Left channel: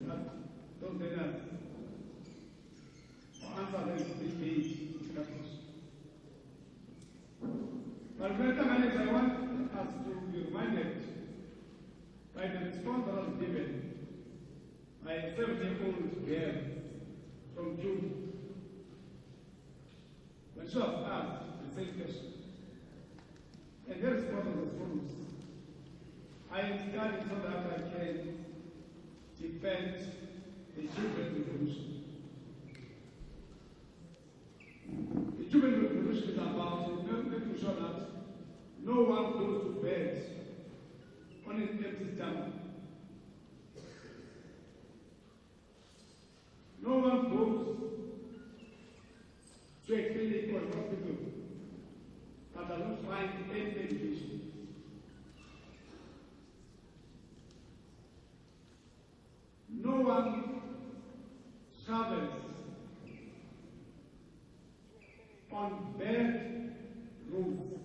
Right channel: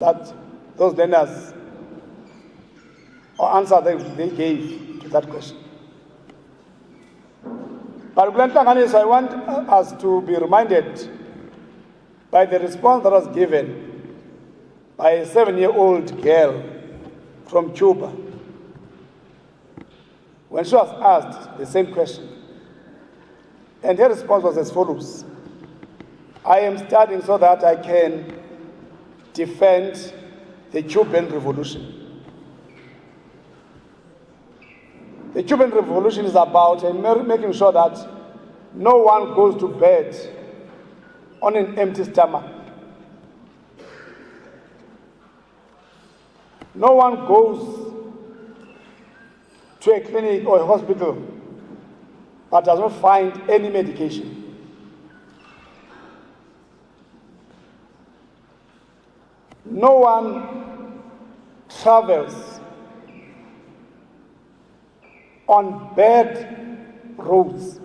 that those learners or answer they gave to that question. But I want us to be reminded by the response that was given by a 7-year-old girl from Cuba when she was asked the same question. And her response was as follows: I am studying so that I can defend the Cuban Revolution. The Cuban Revolution is about making sure that no one goes to bed on an empty stomach. No one goes to a clinic or a hospital but does not find any medication. No one travels on bad roads.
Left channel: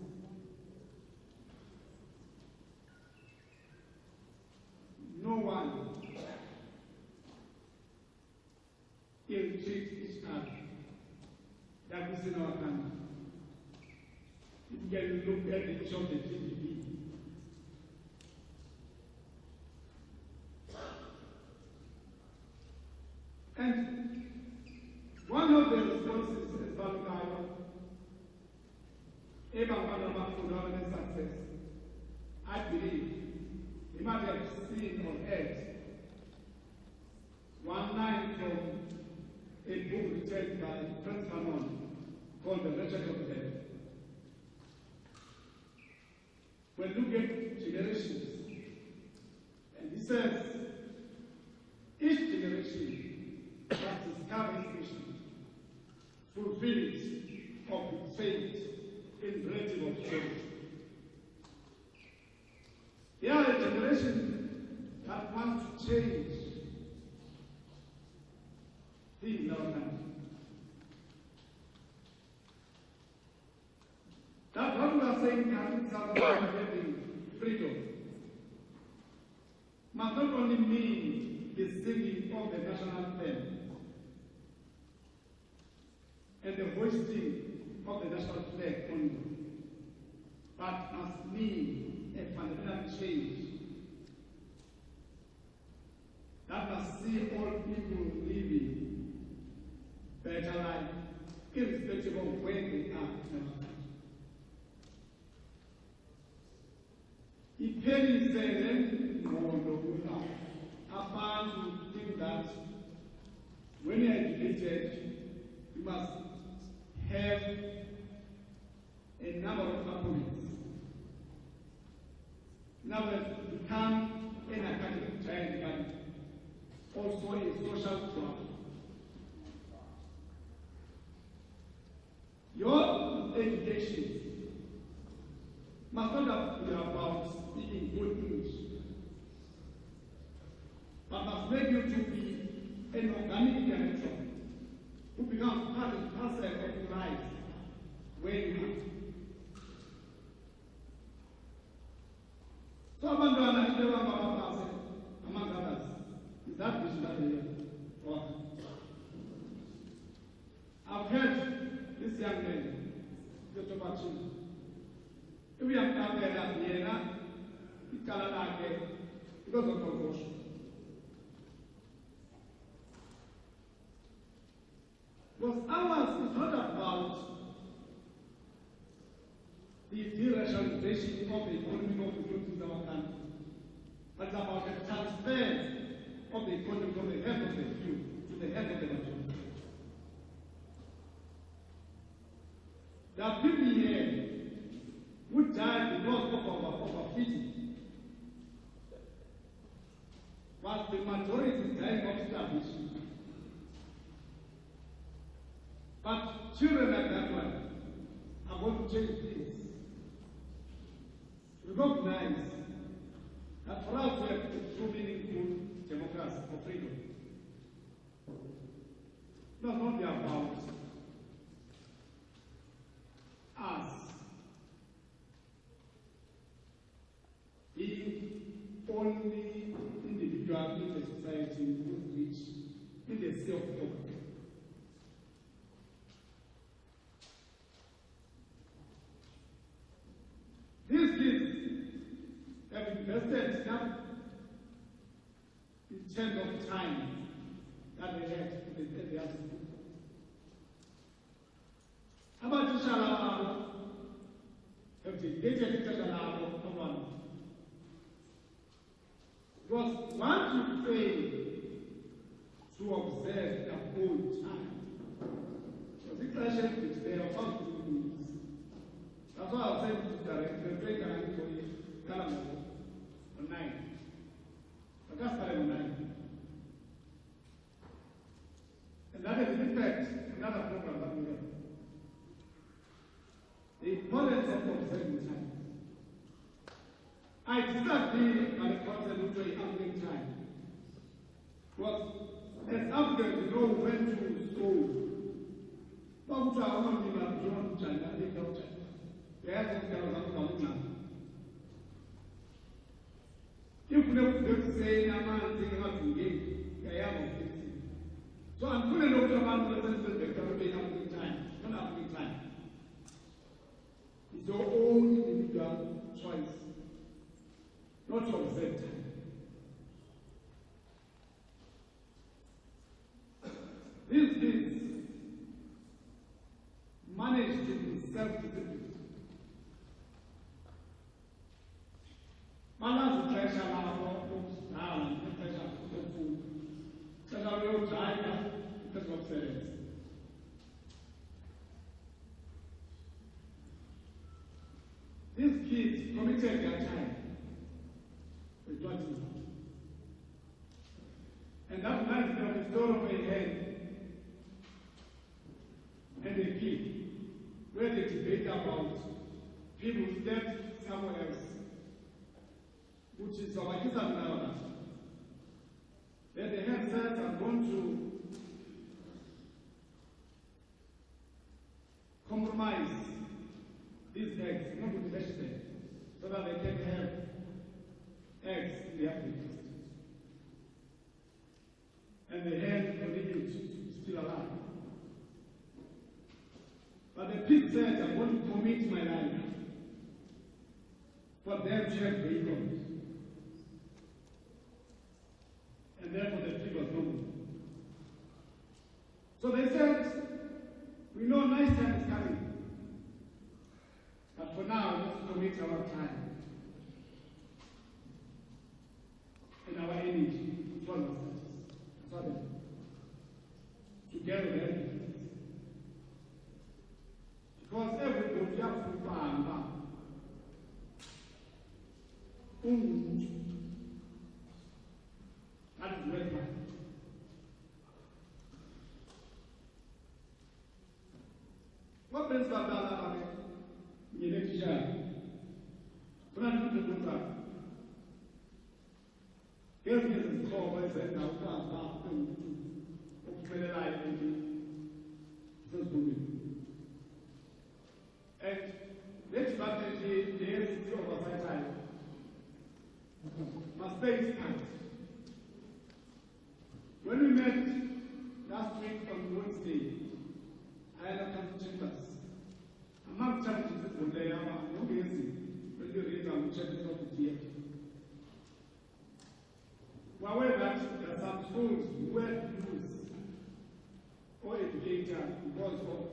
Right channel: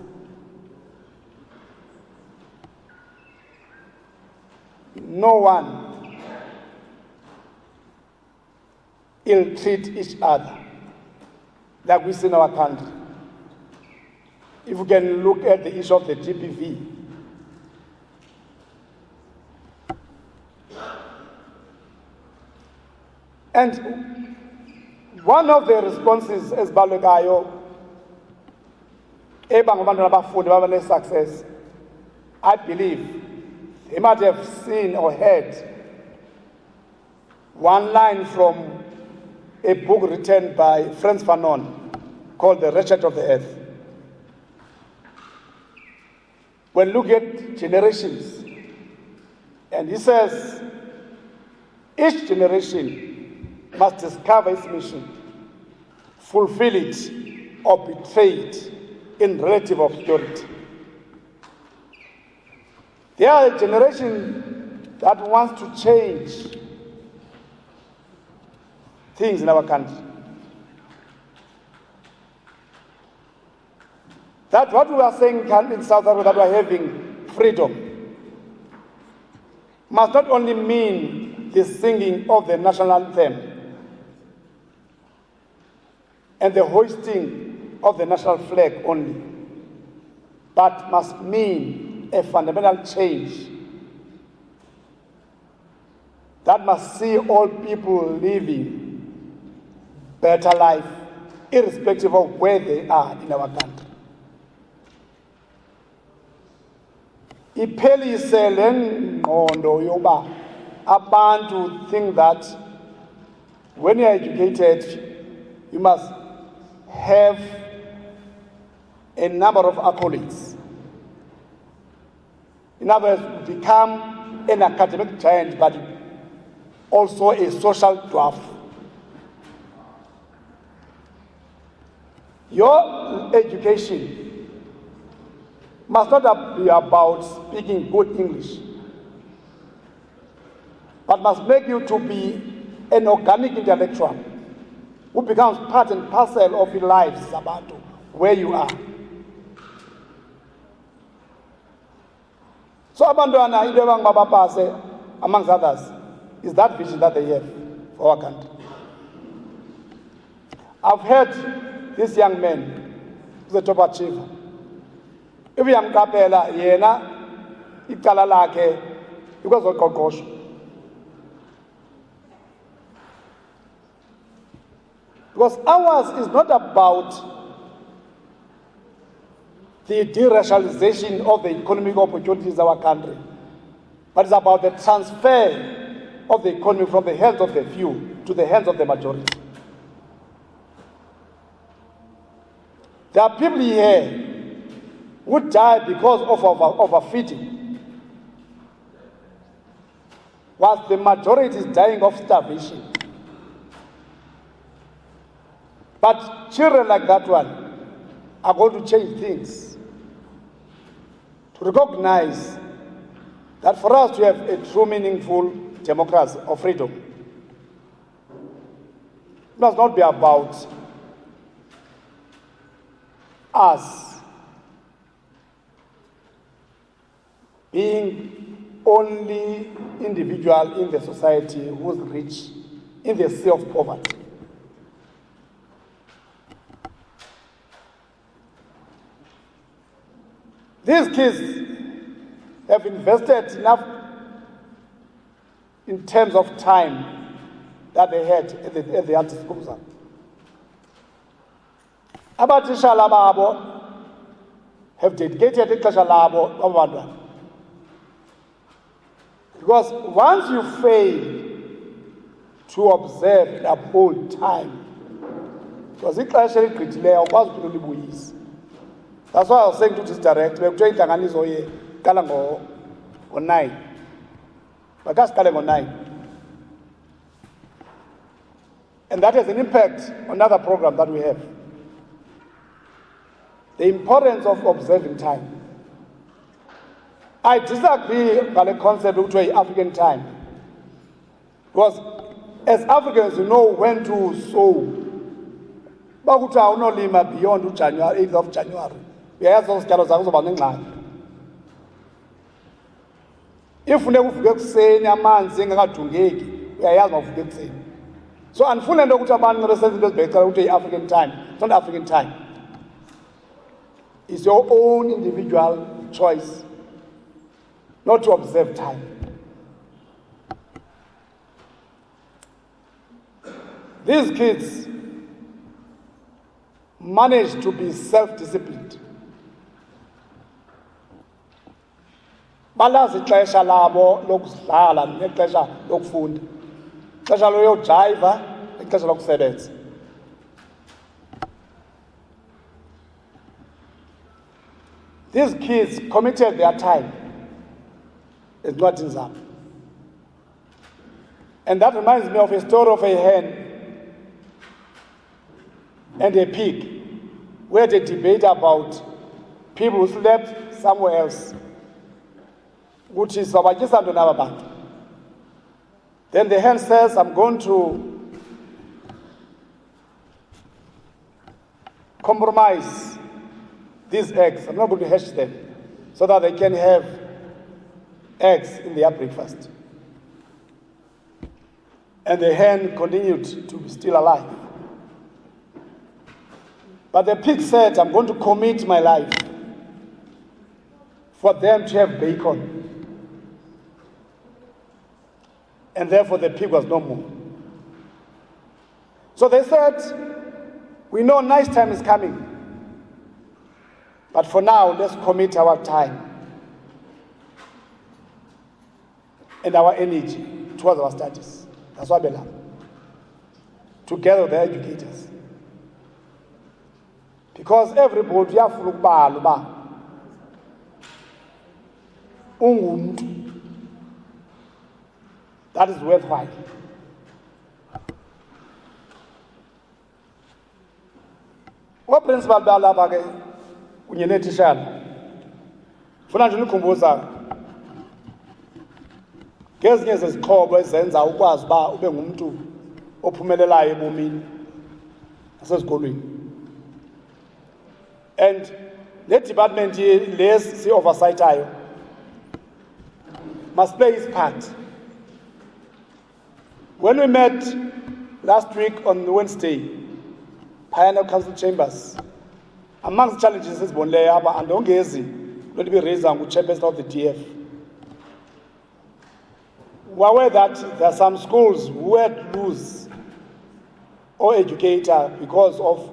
No one ill-treat each other like we see in our country. If we can look at the issue of the GBV, and one of the responses as Balekayo, success, I believe they might have seen or heard one line from a book written by Frantz Fanon called The Wretched of the Earth. When look at generations, and he says, each generation must discover its mission, fulfill it, or betray it in relative obscurity. There are a generation that wants to change things in our country. That what we are saying in South Africa, that we are having freedom, must not only mean the singing of the national anthem and the hoisting of the national flag only, but must mean a fundamental change that must see all people living better life, irrespective of where they are in our country. Iphelise le ngqondo yoba abantu think that when you are educated, you must have a number of accolades. In other words, become an academic giant, but also a social dwarf. Your education must not be about speaking good English, but must make you to be an organic intellectual who becomes part and parcel of your lives about where you are. So abantwana into abangabapase, amongst others, is that vision that they have for our country. I've heard this young man, who's a top achiever. If you am kapela, yena, ikala lakhe, because of konkosho. Because ours is not about the deracialization of the economic opportunities of our country, but it's about the transfer of the economy from the hands of the few to the hands of the majority. There are people here who die because of overfeeding, whilst the majority is dying of starvation. But children like that one are going to change things, to recognize that for us to have a true meaningful democracy or freedom, it must not be about us being only individual in the society who's rich in the sea of poverty. These kids have invested enough in terms of time that they had at their disposal. Abatitshala babo have dedicated ixesha labo abantwana. Because once you fail to observe and uphold time, because ixesha eligqithileyo awukwazi ukuthi ulibuyise. That's why I was saying to this director, we're trying to qala ngo-9. Makasiqale ngo-9. And that has an impact on other programs that we have. The importance of observing time. I disagree with the concept of African time. Because as Africans, you know when to sow. Bakuthi awunolima beyond January, 8th of January. Uyayazi isityalo zakho uzoba nengxaki. If uvuke ekuseni amanzi engakadungeki, uyayazi mawuvuke ekuseni. So andifune nto ukuthi abantu besenza into ezibhecela ukuthi yi-African time. It's not African time. It's your own individual choice not to observe time. These kids manage to be self-disciplined. Balazi ixesha labo lokudlala nexesha lokufunda. Ixesha loyojayiva, ixesha lokusebenza. These kids committed their time. It's not in Zam. And that reminds me of a story of a hen and a pig, where they debate about people who slept somewhere else, which is Then the hen says, I'm going to compromise these eggs. I'm not going to hatch them so that they can have eggs in their breakfast. And the hen continued to be still alive. But the pig said, I'm going to commit my life for them to have bacon. And therefore the pig was no more. So they said, we know nice time is coming. But for now, let's commit our time and our energy towards our studies. That's what we love. Together with the educators. Because everybody has to look that is worthwhile. What principal balaba ke kunye netitshala funa nje unikhumbuza ngezinye zezixhobo ezenza ukwazi uba ube ngumuntu ophumelelayo ebomini nasezikolweni. And the department less oversight must play its part. When we met last week on Wednesday, Pioneer Council Chambers, amongst the challenges is Bonleaba and Ongezi, going to be raised on chairperson of the DF. We're aware that there are some schools who had to lose or educator because of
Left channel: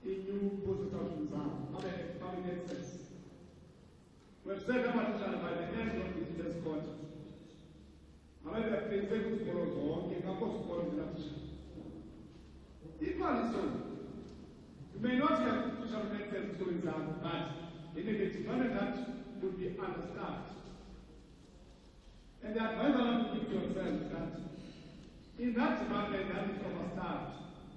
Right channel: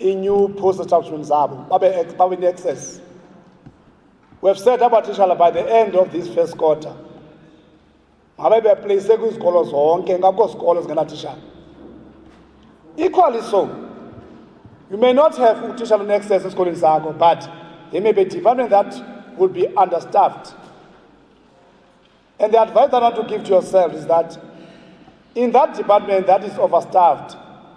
a new post-establishment Zabo, in excess. We have set up a teacher by the end of this first quarter. Equally so, you may not have teacher in excess in school in Zago, but there may be a department that would be understaffed. And the advice that I want to give to yourself is that in that department that is overstaffed,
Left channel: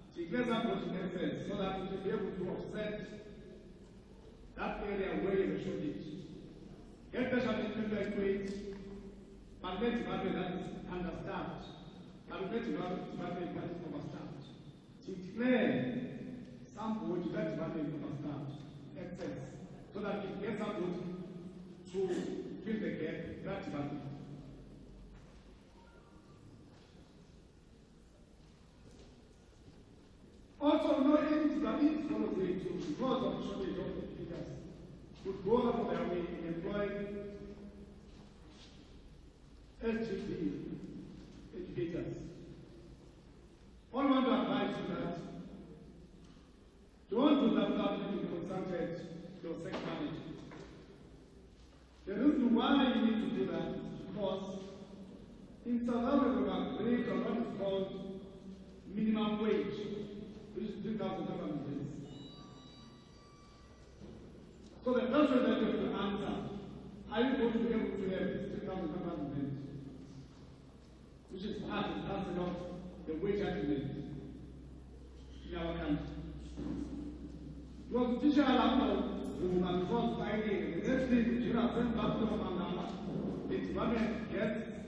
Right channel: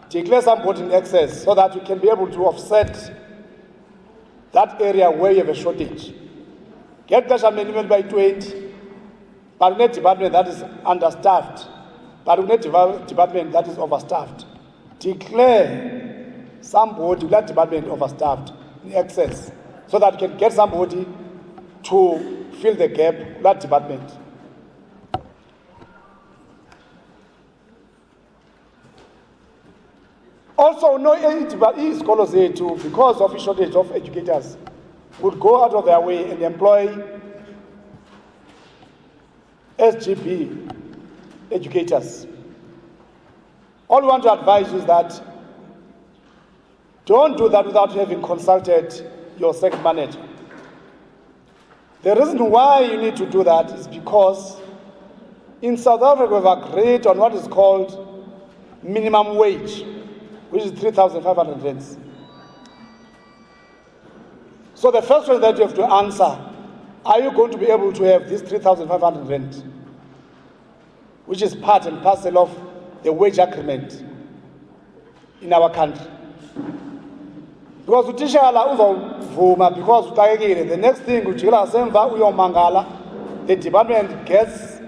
declare somebody in excess so that you can be able to offset that area where you have a shortage. Get cash minimum by 20, but in a department that is understaffed, but in a department that is overstaffed. Declare somebody in that department overstaffed in excess so that you can get somebody to fill the gap that department. Also, no izikolo zethu, because of a shortage of educators, would go out of their way and employ SGB educators. All we want to advise you is that don't do that without having consulted your second manager. The reason why you need to do that is because in South Africa we've agreed on what is called minimum wage, which is 3,500 rands. So the first question that you have to answer, are you going to be able to have this 3,500 rand, which is part and parcel of the wage agreement in our country? Because utishala uzovuma because utakekile, the next thing ujikela semva uyomangala, the department gets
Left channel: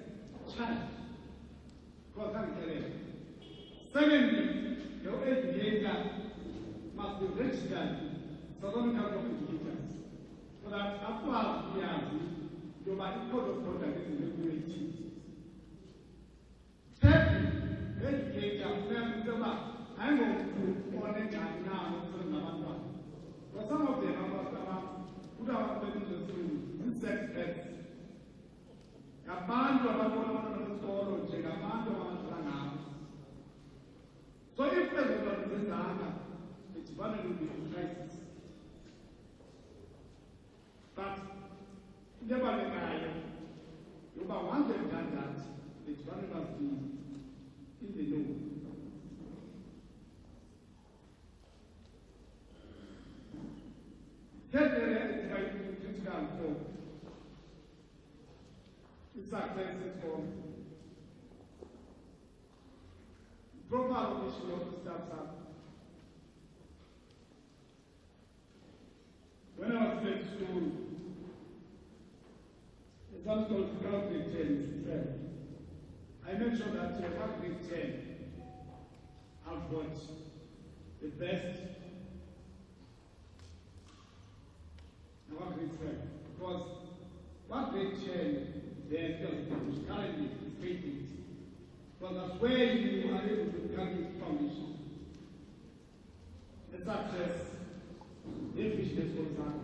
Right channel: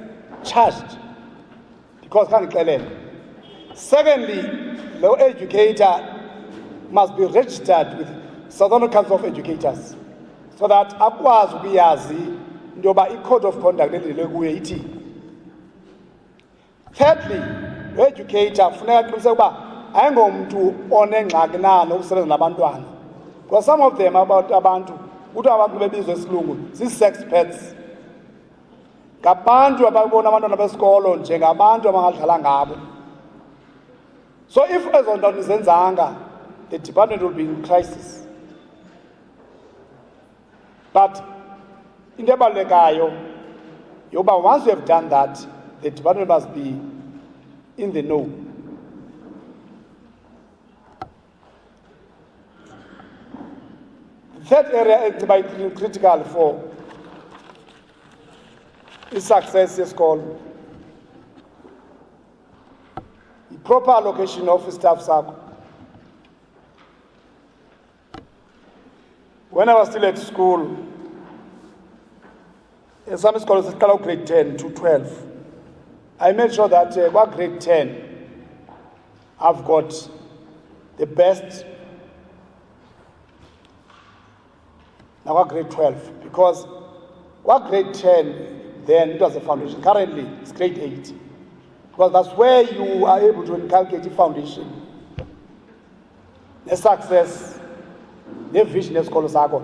charged because kangixelele. Secondly, the educator must be registered with Southern Council of Educators so that akwazi ukuyazi njoba i-code of conduct elile kuye ithi. Thirdly, the educator funeka aqiniseke ukuba ayingomuntu onengxaki na nokusebenza nabantwana. Because some of them abantu uthi abantu bebizwa esilungu zii-sex pets. Ngabantu ababona abantwana besikolo njengabantu abangadlala ngabo. So if ezo nto nizenzanga, the department will be in crisis. But into ebalulekayo yoba once you have done that, the department must be in the know. The third area is critical for its success is called the proper allocation of staff circle. When I was still at school, in some schools, it's called grade 10 to 12. I made sure that about grade 10, I've got the best. Now, what grade 12? Because what grade 10, then it was a foundation. Currently, it's grade 8. Because that's where you are able to inculcate the foundation, the success, the vision of schools are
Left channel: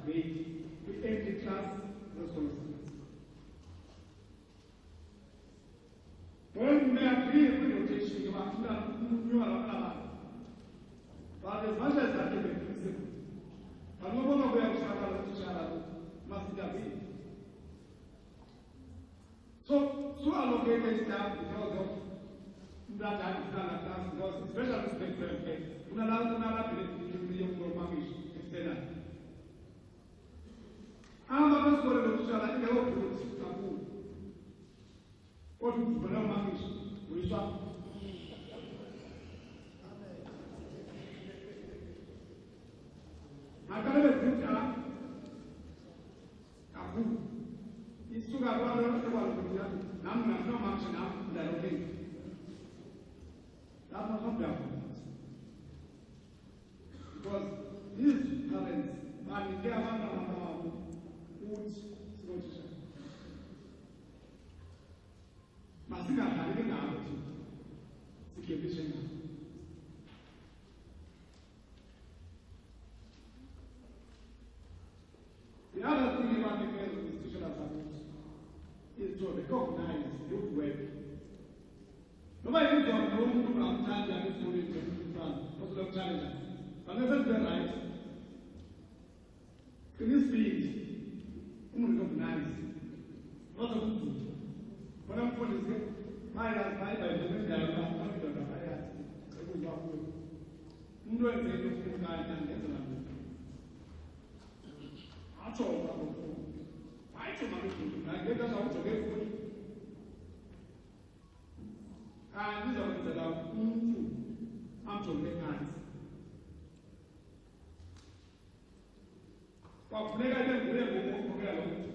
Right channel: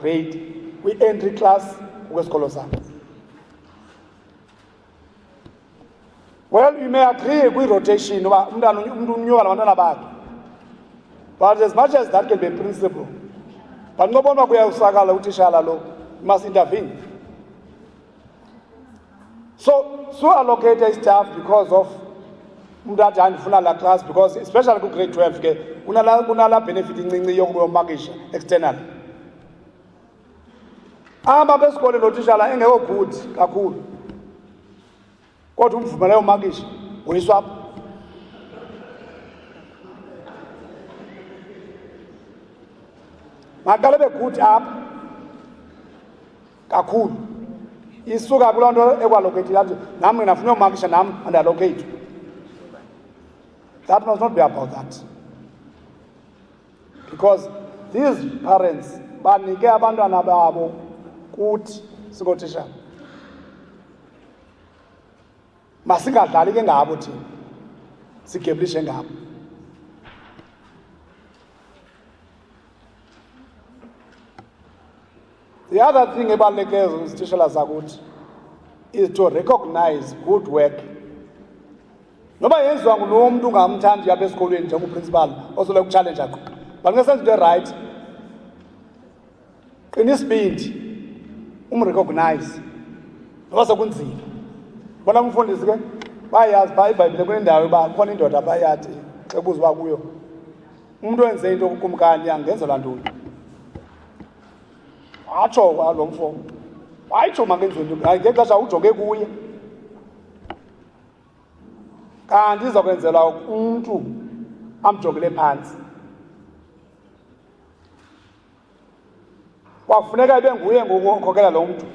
great. We entry class with schools. Well, we may agree with rotation, but as much as that can be a principle, but no one must intervene. So allocate staff because of that class, because especially grade 12, unala benefiting external. Ama besikole notishala engekho good kakhulu. Kodwa umvumela umakisha uyiswap. Makale be good up kakhulu. Isuka kuloo nto ekwalocate lathi nami ngafuna umakisha nami and allocate. That must not be about that. Because these parents banike abantwana babo kuthi sikotishala. Masingadlali ke ngabo thina. Sigeblishe ngabo. The other thing about isitishela sakuthi is to recognize good work. Noba yenziwa ngulo muntu ungamthandi apha esikolweni njengoprincipal osole kuchallenge akho. But ngesenze into right, qina isibindi umrecognize. Noba sekunzima. Bona umfundisi ke bayazi pha iBhayibhile kunendawo uba khona indoda bayathi xebuzwa kuyo. Umuntu wenze into kumkani angenzelwa ntoni. Watsho kwalo mfo. Wayitsho mangenziwe into. Hayi ngexesha ujonge kuye. Kanti izokwenzelwa umuntu amjongele phansi. Kwafuneka ibe nguye ngokukhokela lo muntu.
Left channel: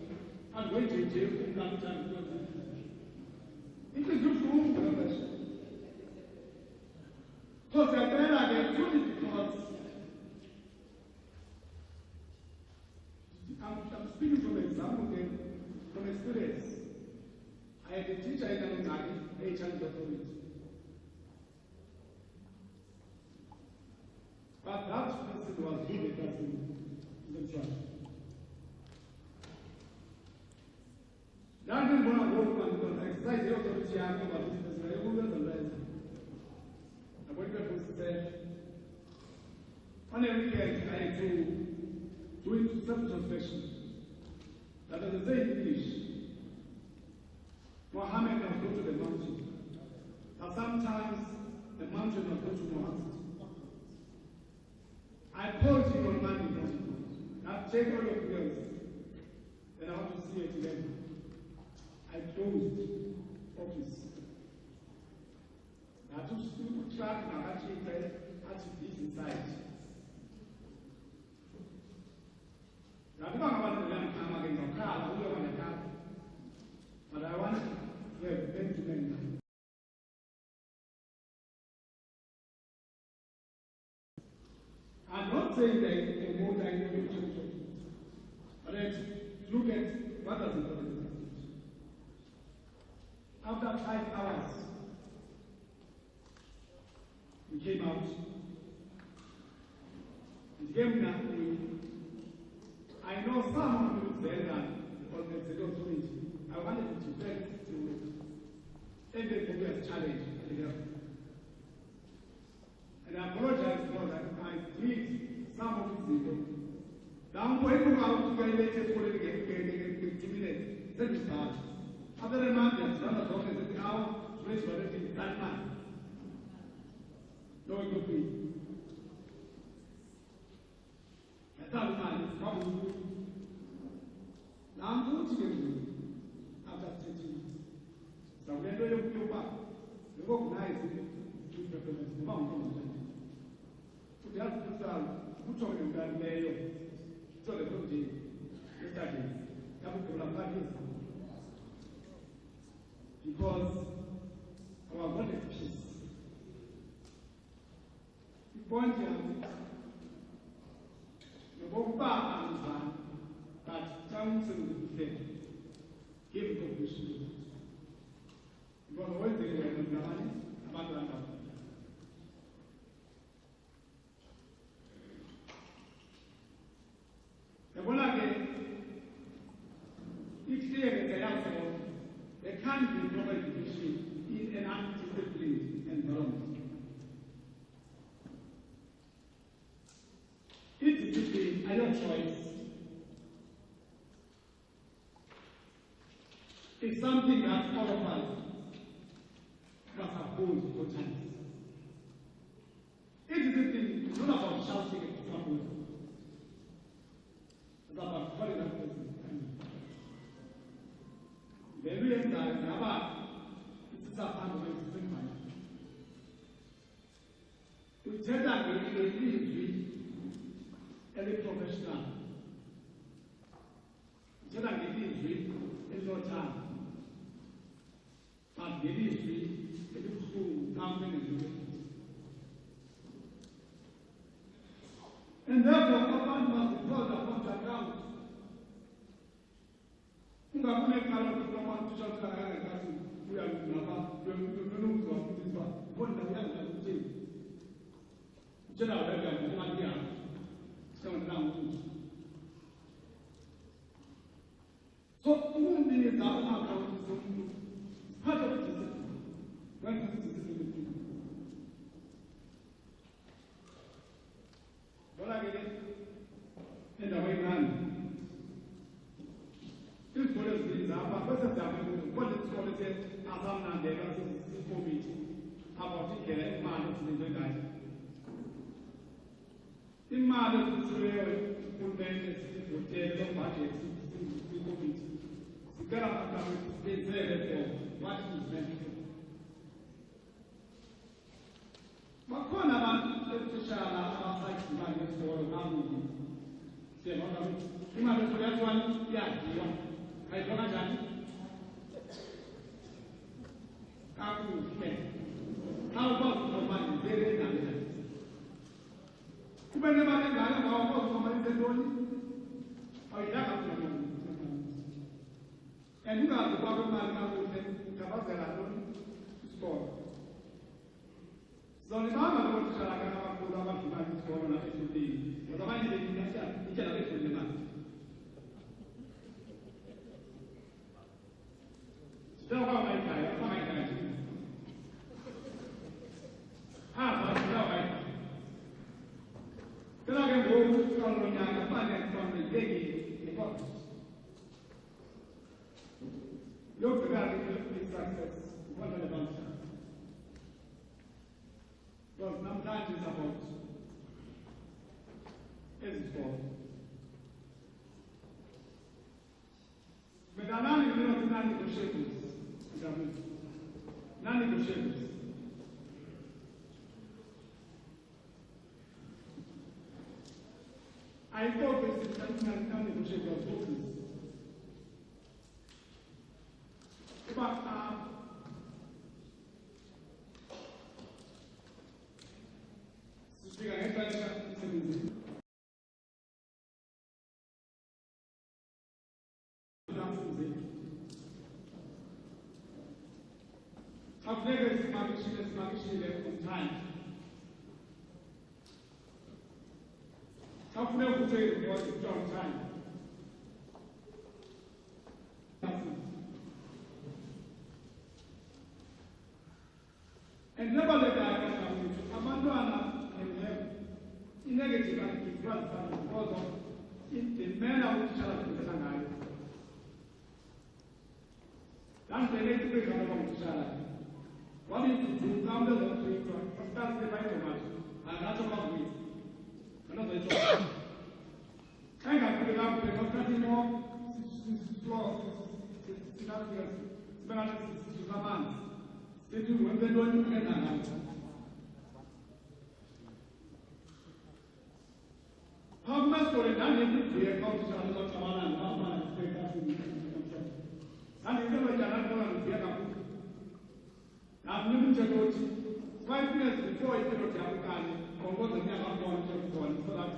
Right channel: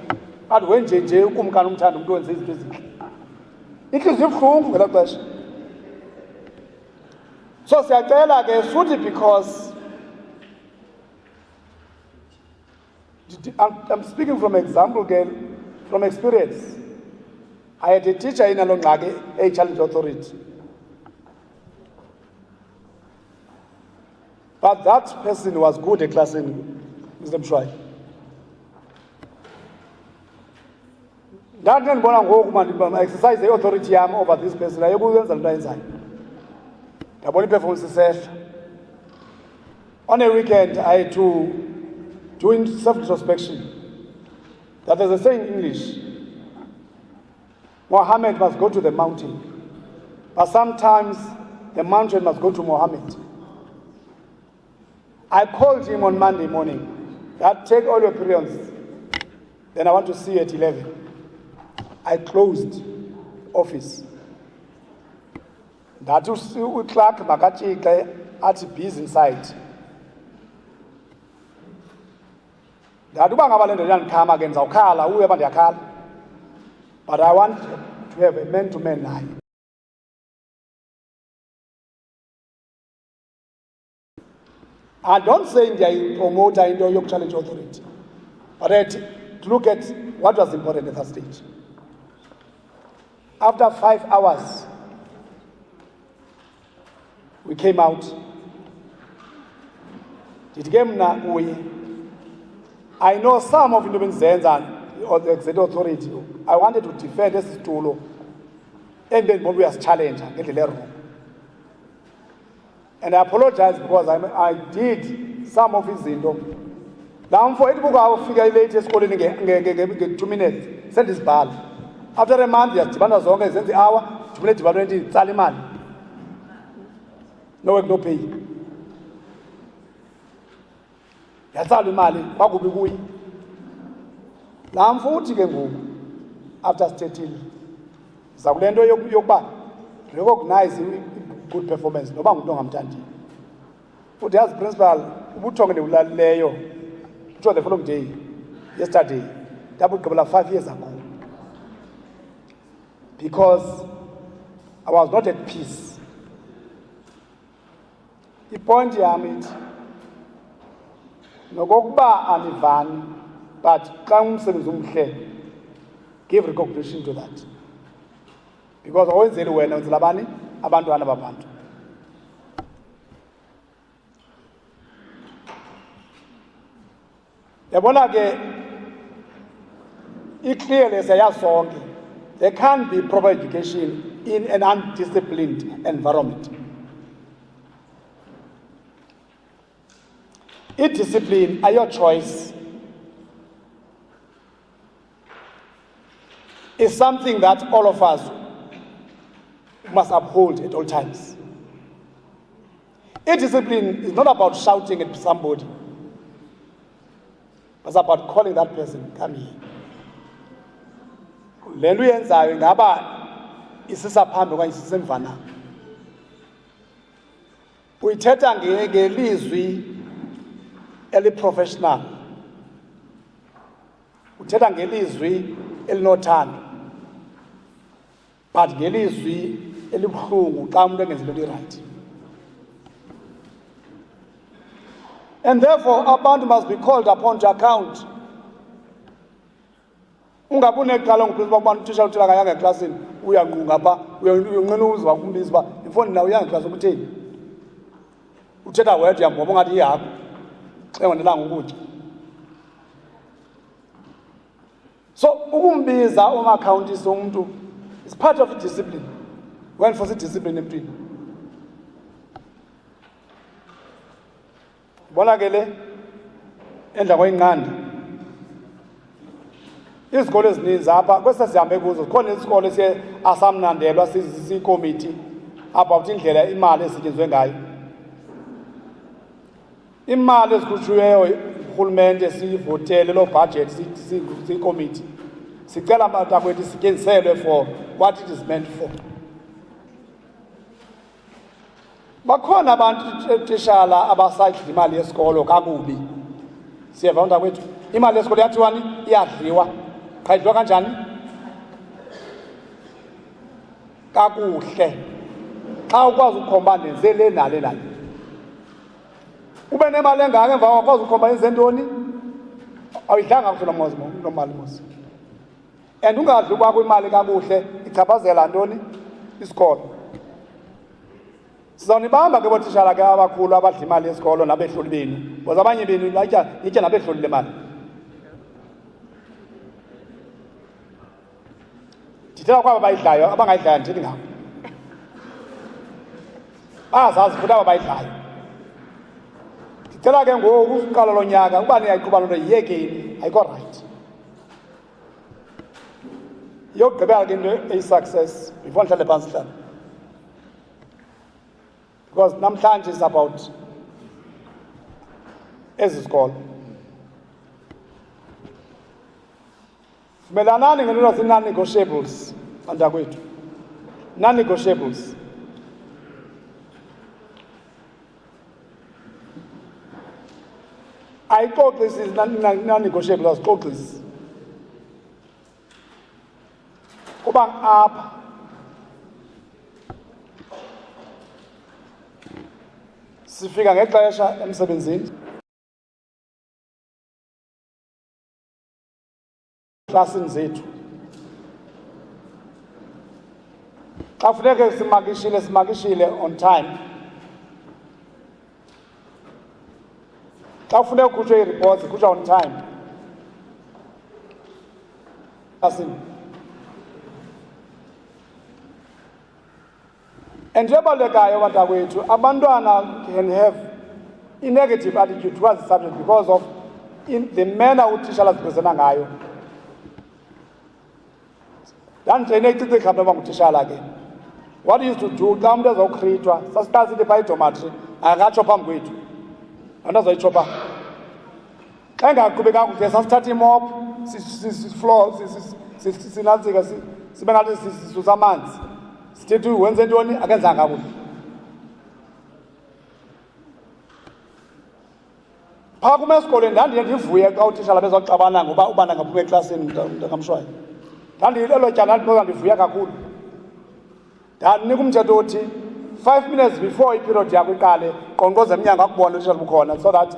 Kanti wenje nje ukumkani umthanda umuntu wenze izinto ezinhle. Inhliziyo ibuhlungu ngelo xesha. So siyacela ke futhi because I'm speaking from example, girl, from experience. I had a teacher in Alongage, a challenge authority. But that person was good at class in Mr. Mshwai. That didn't want to exercise the authority over this person. I go and inside. The body performance is on a weekend, I had to do self-introspection. That is a saying in English. Mohammed must go to the mountain. But sometimes the mountain must go to Mohammed. I called him on Monday morning. That take all your periods. Then I want to see you at 11. I closed office. That was Clark Magachi at busy inside. That don't come against Okala, whoever they are. But I want to have a man-to-man line. I don't say they promote the Indo-York Challenge Authority, but to look at what was important at that stage. After 5 hours, we came out. I know some of the Zenza or the executive authority. I wanted to defend this tool, and then we was challenged and get the letter. And I apologize because I did some of his window. Now for it, I'll figure out latest calling again 2 minutes. Send this ball. After a month, yes, Tibana Zonga sent the hour, 2 minutes, Saliman. No work, no pay. That's all the money. What would be we? Now I'm 40 after stating. Saulendo Yoba recognize good performance. No bang I'm tanti. But as principal, who talking to Leo, which was the following day, yesterday, that would couple of 5 years ago. Because I was not at peace. The point here, I mean, no go and Ivan, but give recognition to that. Because always say when it's Labani, Abantu Anabantu. It clearly says song. There can't be proper education in an undisciplined environment. If discipline are your choice, is something that all of us must uphold at all times. If discipline is not about shouting at somebody, it's about calling that person, come here. Le nto uyenzayo ingaba isisaphambi okanye isisemvana. Uyithetha ngelizwi eli-professional. Uthetha ngelizwi elinothando. But ngelizwi elibuhlungu xa umuntu engenzi into right. And therefore, abantu must be called upon to account. Ungabune kala ngiphiza abantu uthisha uthela kayanga eklasini uyanqunga pha uyanqena uzwa kumbiza ba ifoni nawo uyanga class ukutheni uthetha wedwa yamboba ungathi ihapha engonelanga ukutya. So ukumbiza umakhawuntisi umuntu is part of the discipline. When for the discipline emntwini bona ke le endla kweyinqanda izikole ezininzi apha kwesasihambe kuzo khona isikole asamnandelwa siyikomiti about indlela imali esetyenziswe ngayo. Imali ezikhutshiweyo urhulumente siyivotele loo budget siyikomiti sicela matakwethu isetyenziselwe for what it is meant for. Bakhona abantu tishala abasayidla imali yesikolo kakubi. Siyeva mntakwethu imali yesikolo yathiwani iyadliwa. Kayidliwa kanjani? Kakuhle. Xa ukwazi ukhomba nenze le nale nale. Ube nemali engaka emva wakwazi ukhomba yenze ntoni? awuyidlanga kuhle nomali mos. And ungadli kwakho imali kakuhle ichaphazela ntoni isikolo. Sizonibamba ke botitshala ke abakhulu abadla imali yesikolo nabehloli benu. Because abanye benu itya nabehloli le mali. Ndithetha kwaba bayidlayo abangayidlayo ndithi ngabo. Bazazi futhi aba bayidlayo. Ndithetha ke ngoku uqala lo nyaka uba niyayiqhuba loo nto yiyekeni ayikho right. Yokugqibela ke into eyi-success before ndihlale phantsi hlala. Because namhlanje is about ezi sikolo. Vumelanani ngento zii-non-negotiables bantakwethu. Non-negotiables. Ayixoxisi non-negotiables azixoxisi. Kuba apha sifika ngexesha emsebenzini klasini zethu xa funeke simakishile on time. Xa funeka kukhutshwe ii-reports kukhutshwa on time klasini. And njengobalekayo bantakwethu abantwana can have a negative attitude towards the subject because of the manner utitshala zipresenta ngayo. Ndanditreyine icicikha mntu bangutitshala ke. What used to do xa umntu ezawukhritshwa sasiqala sithi phaa idomatri akatsho phambi kwethu anto azoyitsho phaa. Xa engaqhubi kakuhle sasithatha imop sifloor sinantsika sibe ngathi sisusa amanzi. Sithethi wenze ntoni akenzanga kakuhle. Phaa kum esikolweni ndandiye ndivuye xa utitshala bezoxabana ngoba ubana ngaphuma eklasini ngamshwayo. Ndandilelo tyala ndivuya kakhulu. Ndandinika umthetho othi 5 minutes before iperiod yakho iqale qonkqoza emnyango akubone utitshala bukhona so that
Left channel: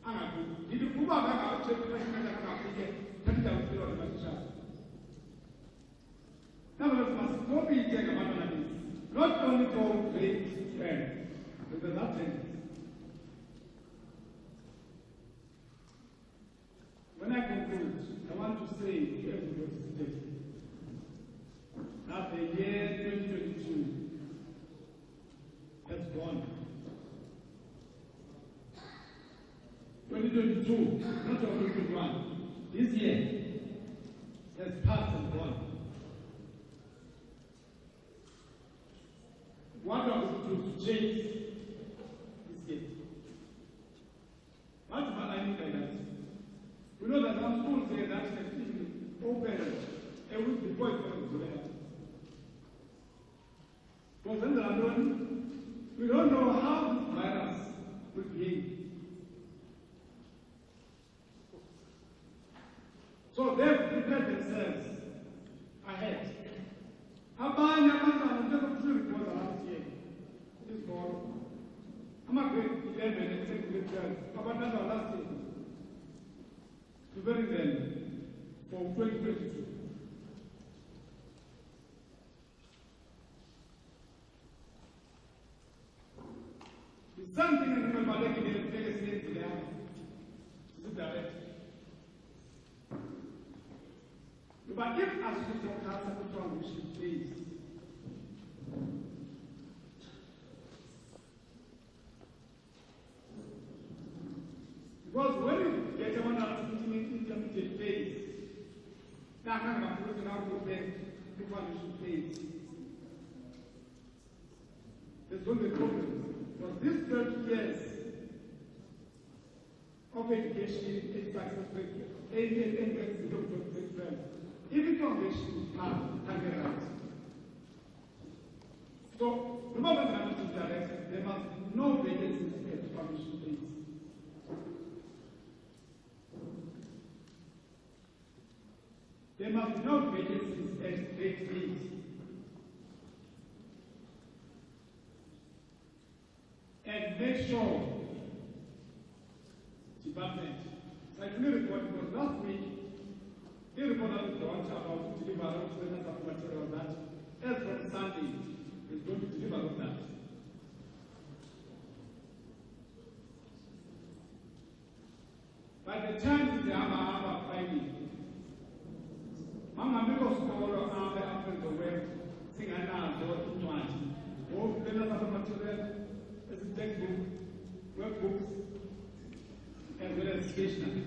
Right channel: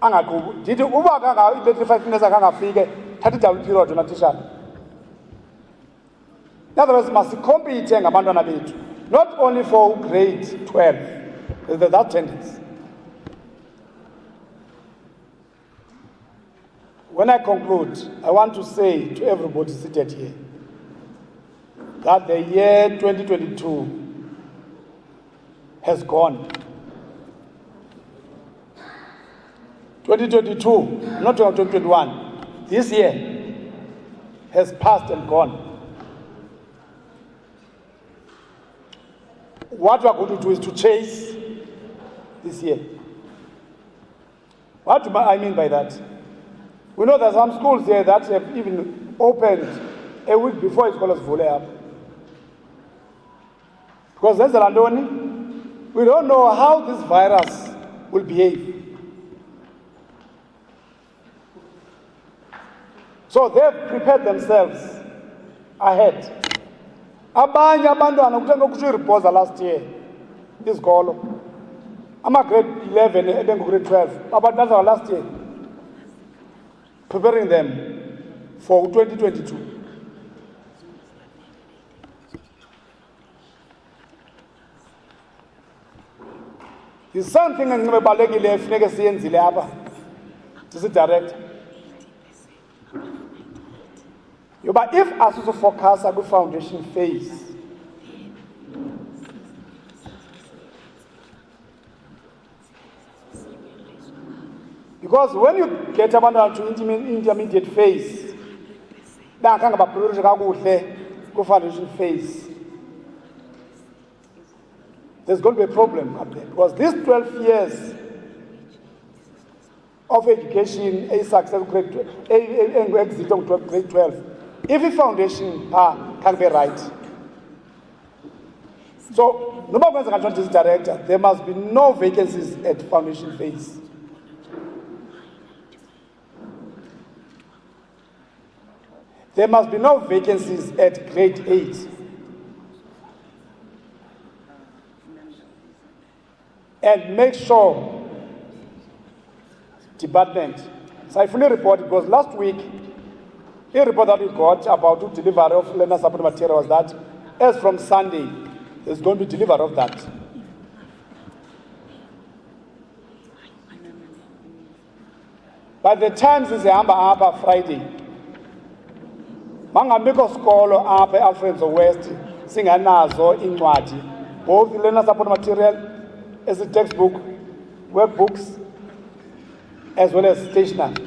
angaqhubi. Ndithi uba kangaithethe 5 minutes akangafike thatha idawula iperiod yona titshala. In other words, must compete ngabantwana bethu, not only for grade 12. There's that tendency. When I conclude, I want to say to everybody seated here that the year 2022 has gone. 2022, not 2021, this year has passed and gone. What we are going to do is to chase this year. What do I mean by that? We know there are some schools here that have even opened a week before scholars volley up. Because there's a Landoni, we don't know how this virus will behave. So they've prepared themselves ahead. Abanye abantwana kuthe ngokushwa iriphosa last year isikolo ama-grade 11 ebengu-grade 12 abantwana last year preparing them for 2022. There's something engibalekile efuneke siyenzile apha sisi-director yoba if asizofocasa kwi-foundation phase because when you get abantwana to intermediate phase bangakhange bapriyorishe kakuhle kwi-foundation phase, there's going to be a problem up there because these 12 years of education, a successful grade 12, exit of grade 12, if the foundation can be right. So, no matter what this director, there must be no vacancies at foundation phase. There must be no vacancies at grade 8. And make sure department So I fully report because last week, a report that we got about the delivery of learner support material was that as from Sunday, there's going to be delivery of that. By the time zizihamba apha Friday, mangambikho skolo apha Alfred Nzo West singanazo incwadi, both the learner support material as a textbook, workbooks, as well as stationery.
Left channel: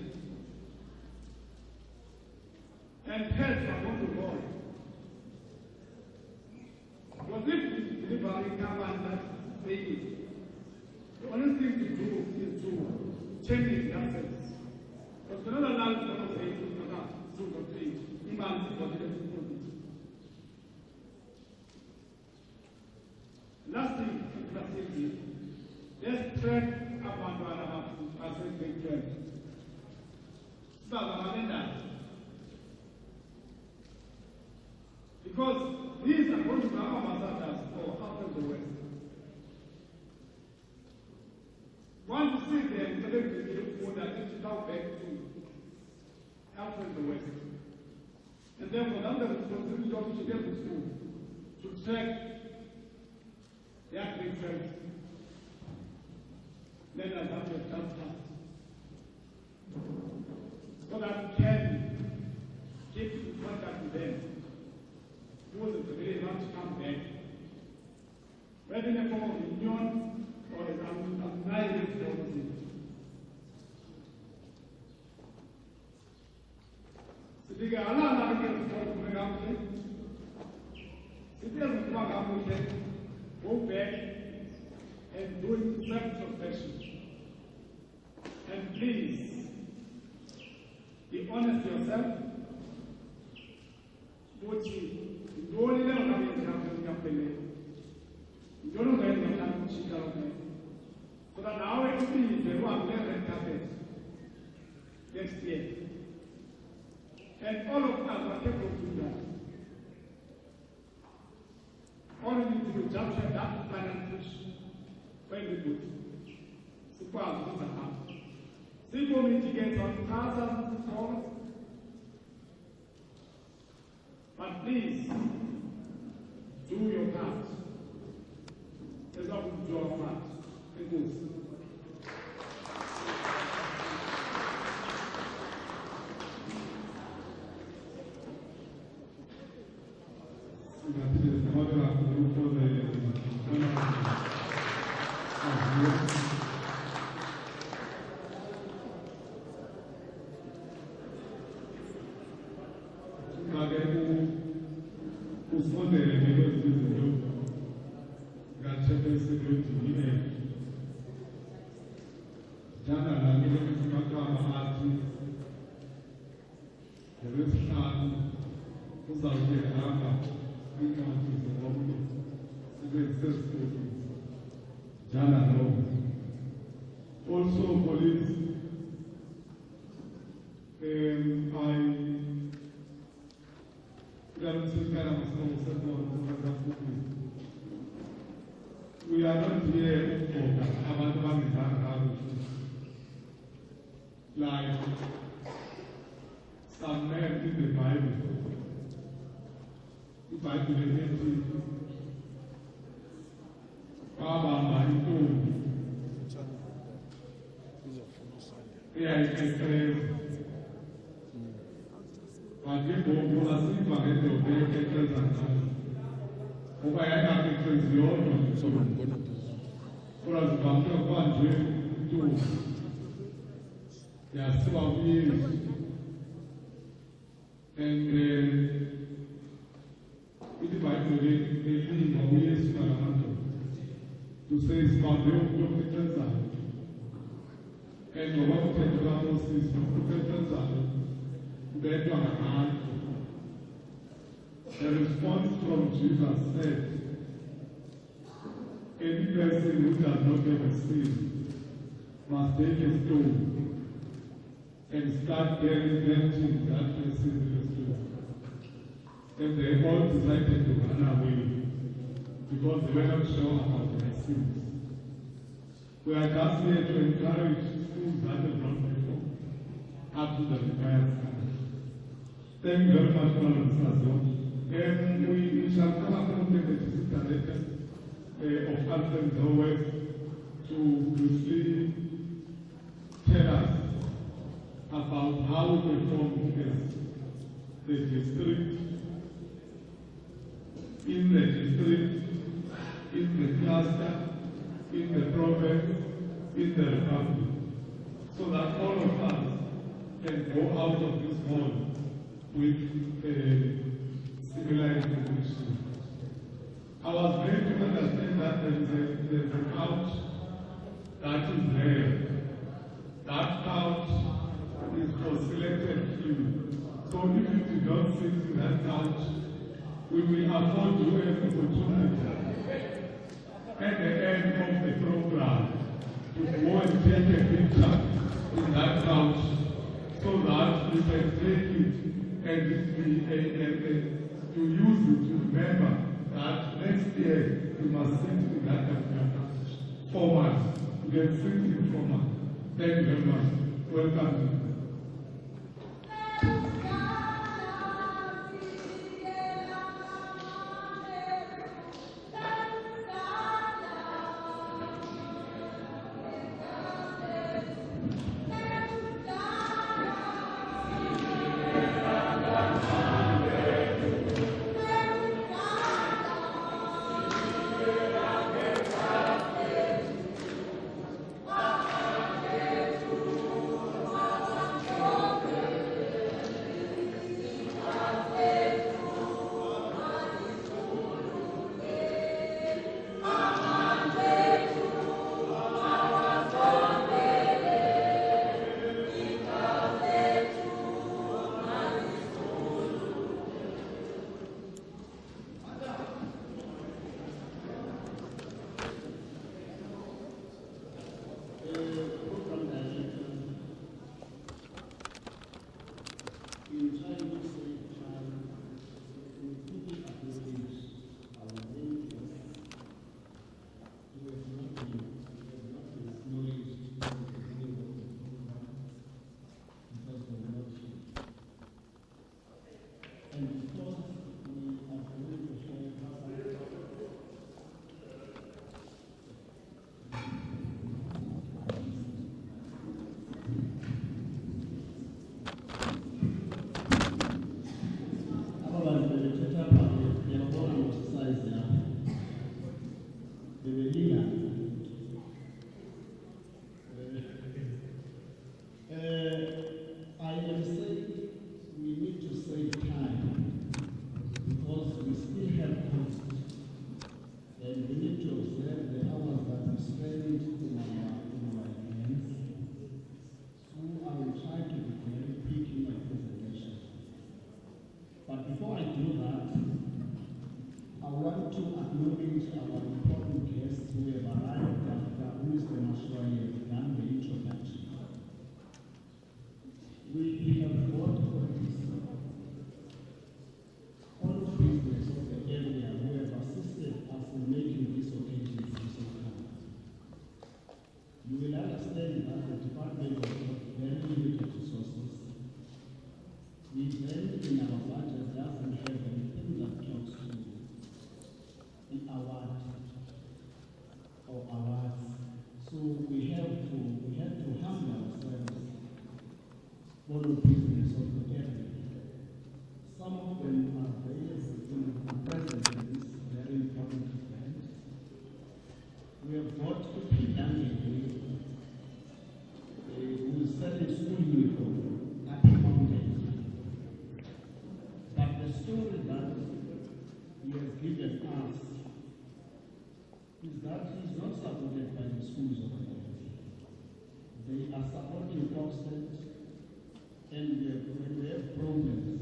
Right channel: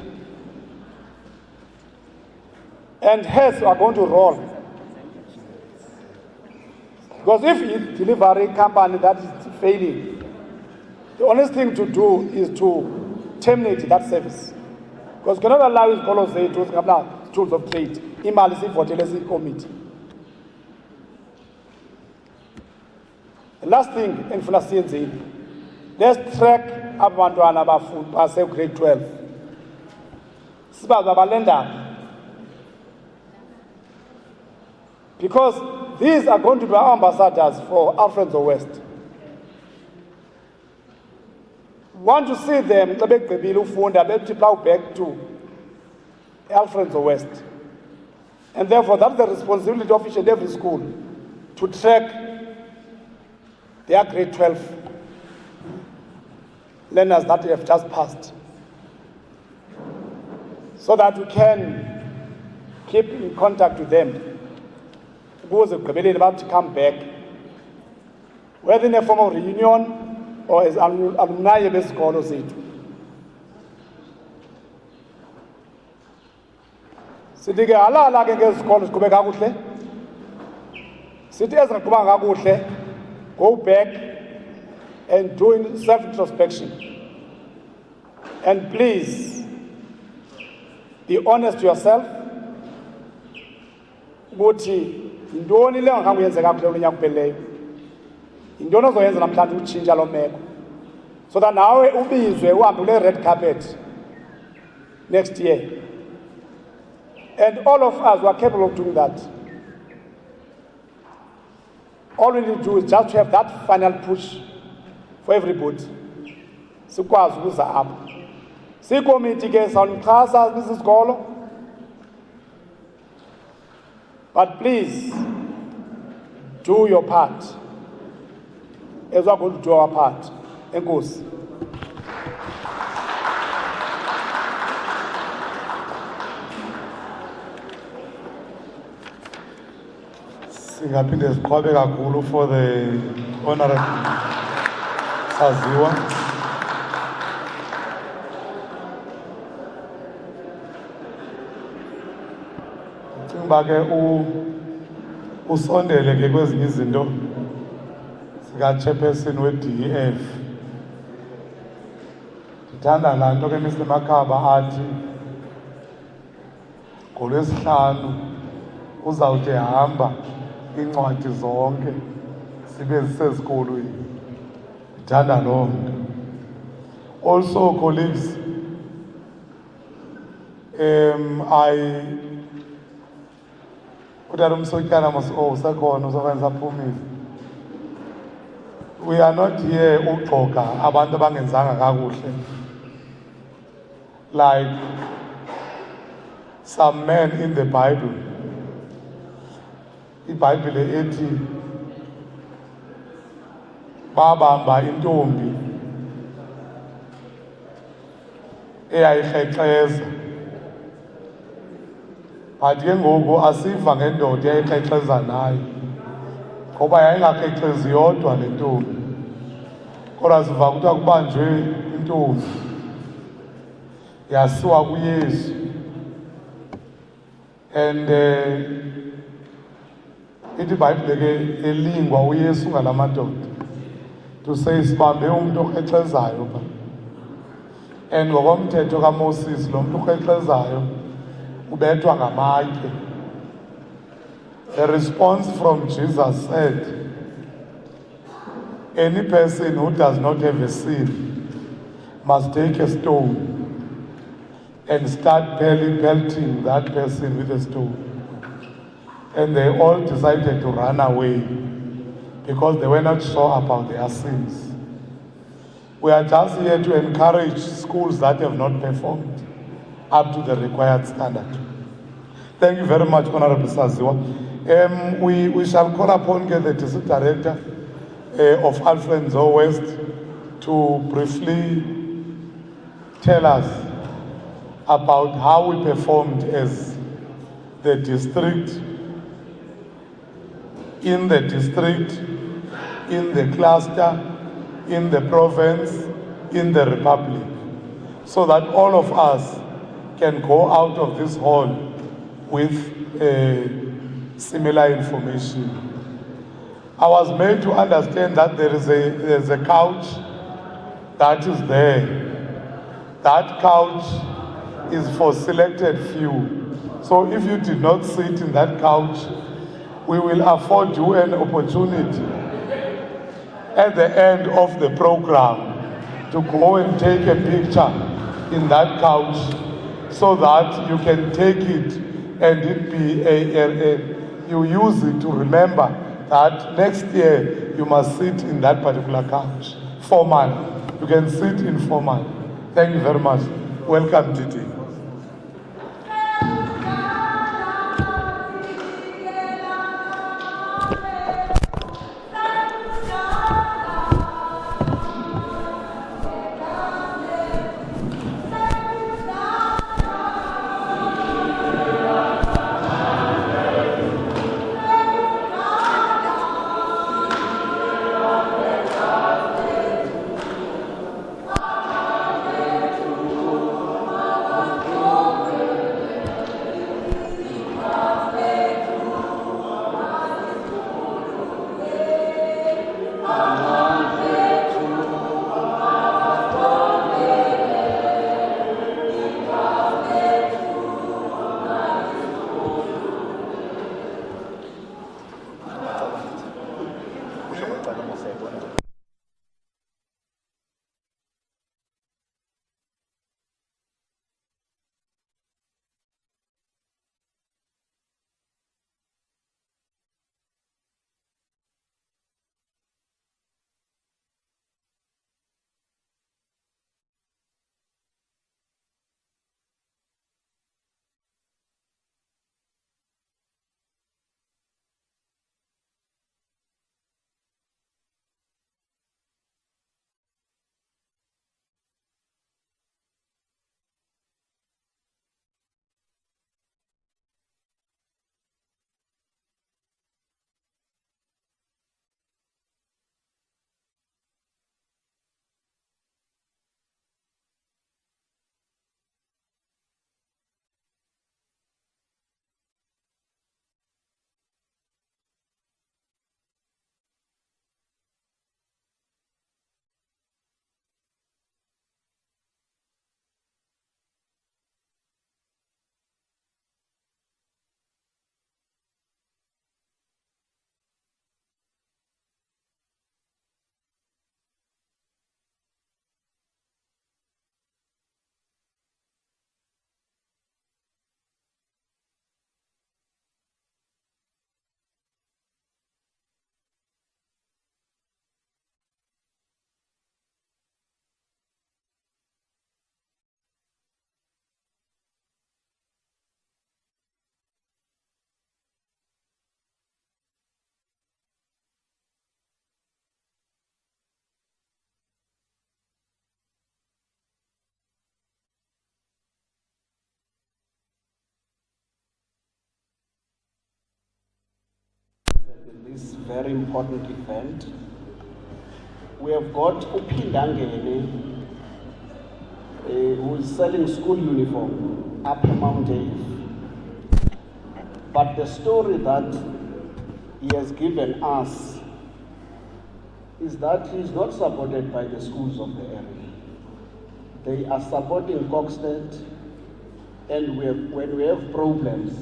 And hence we are going to roll. Because if it's a delivery company that is failing, the only thing to do is to terminate that service. Because we cannot allow it to say to tools of trade. Imali sivotele committee. The last thing in Finance, let's track abantwana base grade 12. Sibazi abalenda. Because these are going to be our ambassadors for Alfred Nzo West. We want to see them back to Alfred Nzo West. And therefore, that's the responsibility of each and every school to track their grade 12 learners that have just passed, so that we can keep in contact with them. About to come back, whether in a form of reunion or as alumni of the school. Sithi ke alala ke ngezikolo siqhube kakuhle. Sithi ezingaqhubanga kakuhle, go back and do self-introspection. And please, be honest to yourself. Ukuthi intoni le ngakhange uyenzeka kule unyaka upheleyo. Intoni ozoyenza namhlanje utshintsha lo meko. So that nawe ubizwe uhambe kule red carpet next year. And all of us were capable of doing that. All we need to do is just to have that final push for everybody. Sikwazi ukuza apha. Sikomiti ke sawumxhasa nisisikolo. But please, do your part as we are going to do our part. Enkosi. Singaphinde siqhwabe kakhulu for the honorable Saziwa. Cinga ke usondele ke kwezinye izinto sika chairperson we-DEF. Ndithanda laa nto ke Mr. Makhaba athi ngoLwesihlanu uzawuthi hamba incwadi zonke sibe zisesikolweni. Ndithanda loo nto. Also, colleagues, we are not here uxoka abantu abangenzanga kakuhle, like some men in the Bible. IBhayibhile ethi babamba intombi eyayirhexeza, but ke ngoku asiva ngendoda eyayirhexeza nayo ngoba yayingarhexezi yodwa le ntombi, kodwa siva kuthiwa kubanjwe intombi yasiwa kuYesu. And ithi iBhayibhile ke elingwa uYesu ngala madoda to say sibambe umuntu orhexezayo pha. And ngokomthetho kaMoses lo muntu orhexezayo ubethwa ngamatye. The response from Jesus said, any person who does not have a sin must take a stone and start pelting that person with a stone. And they all decided to run away because they were not sure about their sins. We are just here to encourage schools that have not performed up to the required standard. Thank you very much, Honorable Saziwa. We shall call upon the District Director of Alfred Nzo West to briefly tell us about how we performed as the district, in the district, in the cluster, in the province, in the republic, so that all of us can go out of this hall with similar information. I was made to understand that there's a couch that is there. That couch is for selected few. So if you did not sit in that couch, we will afford you an opportunity at the end of the program to go and take a picture in that couch so that you can take it and it be you use it to remember that next year you must sit in that particular couch formally. You can sit informally. Thank you very much. Welcome, Titi. Very important event. We have got Upindangene, who is selling school uniform up Mount Dave. But the story that he has given us is that he is not supported by the schools of the area. They are supporting Coxted, and when we have problems,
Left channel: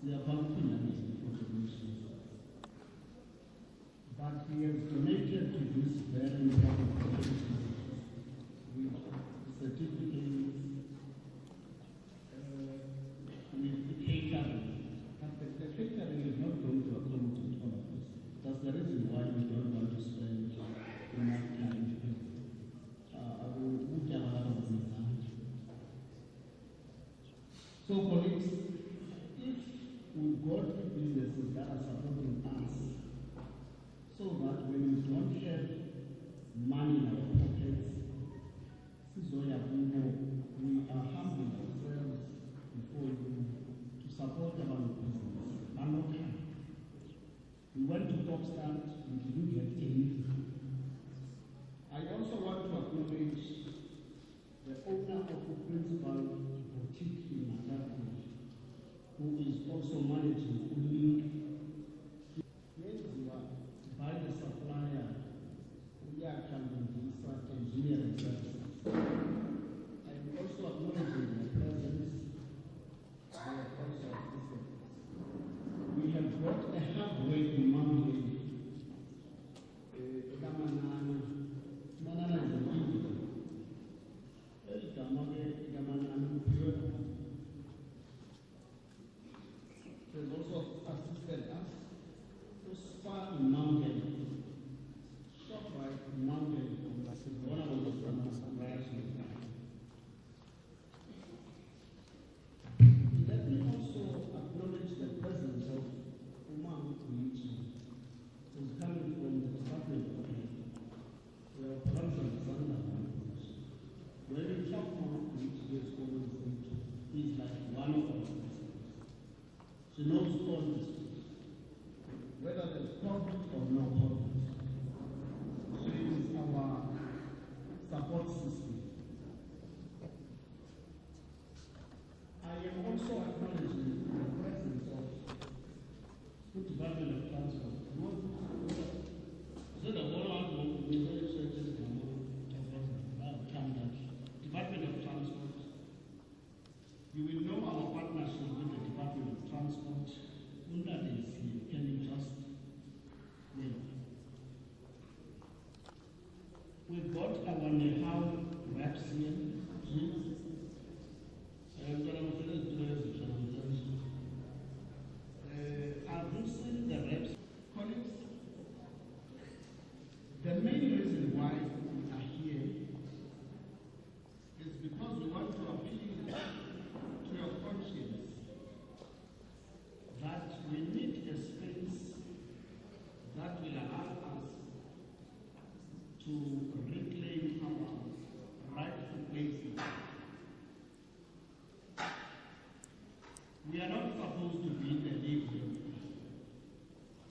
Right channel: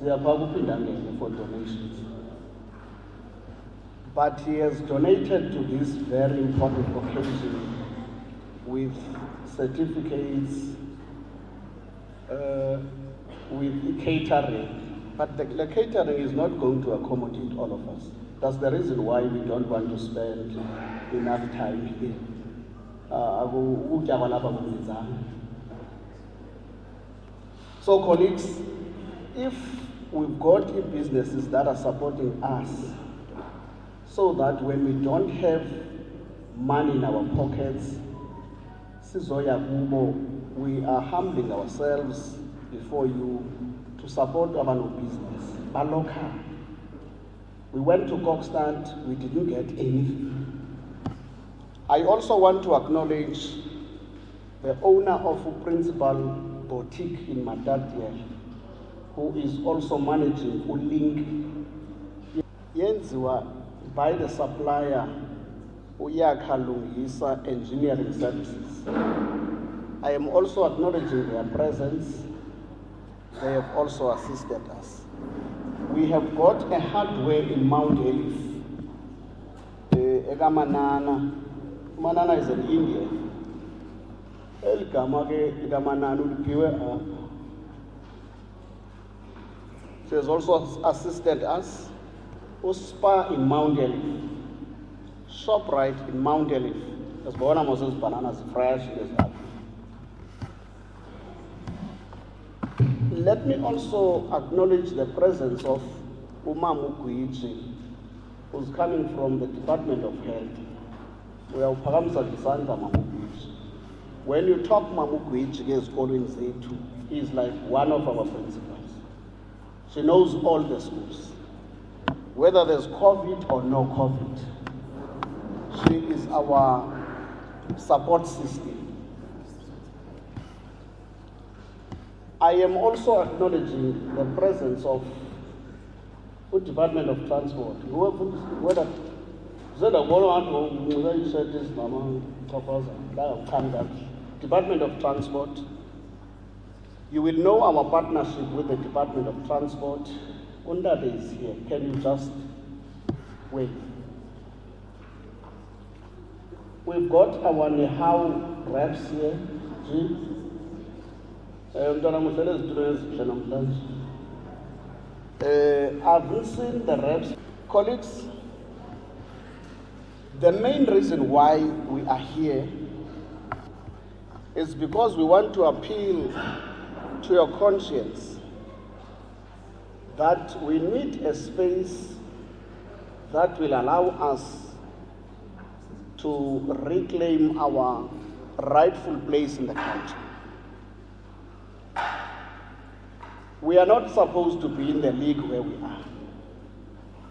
they are Upindangene for donations. But he has donated to this very important occasion with certificates, with catering. But the catering is not going to accommodate all of us. That's the reason why we don't want to spend enough time here. So colleagues, if we've got businesses that are supporting us, so that when we don't have money in our pockets, sizoya kubo, we are humbling ourselves before you to support our business. Baloka. We went to Kokstand, we didn't get anything. I also want to acknowledge the owner of a principal boutique in Matatiel, who is also managing Ulink. Yenziwa by the supplier Uyakha Lungisa Engineering Services. I am also acknowledging their presence. They have also assisted us. We have got a hardware in Mount Elif. Manana is in India. She has also assisted us. Spa in Mount Elif. ShopRite in Mount Elif. As Bona Moses bananas fresh. Let me also acknowledge the presence of Uma Mukuichi, who's coming from the Department of Health. We are Paramsa Gisanta Mamukuichi. When you talk Mamukuichi, he is calling Zetu. He is like one of our principals. She knows all the schools. Whether there's COVID or no COVID, she is our support system. I am also acknowledging the presence of the Department of Transport. Department of Transport. You will know our partnership with the Department of Transport. Undade is here. Can you just wait? We've got our Nehau reps here. I've seen the reps. Colleagues, the main reason why we are here is because we want to appeal to your conscience that we need a space that will allow us to reclaim our rightful place in the country. We are not supposed to be in the league where we are.